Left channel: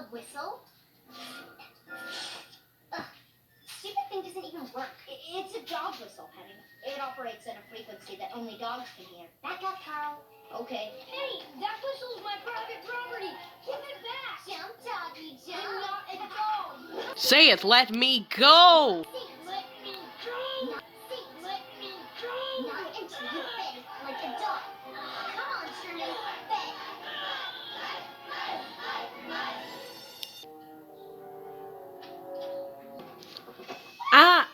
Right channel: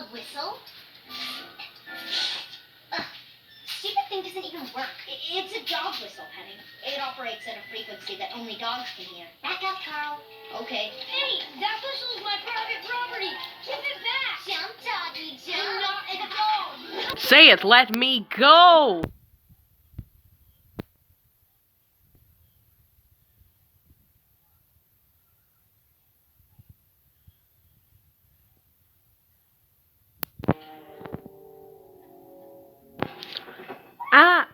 A whistle? Ugh, stupid thing doesn't even work. It's a dog whistle, Penny. It operates at a frequency that only dogs can hear. Back up, Carl. Okay. Penny, that whistle's my private property. Give it back. Jump, doggy, jump. I'm not a dog. Say it, let me go! Let me go. Let me go. Not until you beg like a dog. Come on, Sherman. Beg. Ah!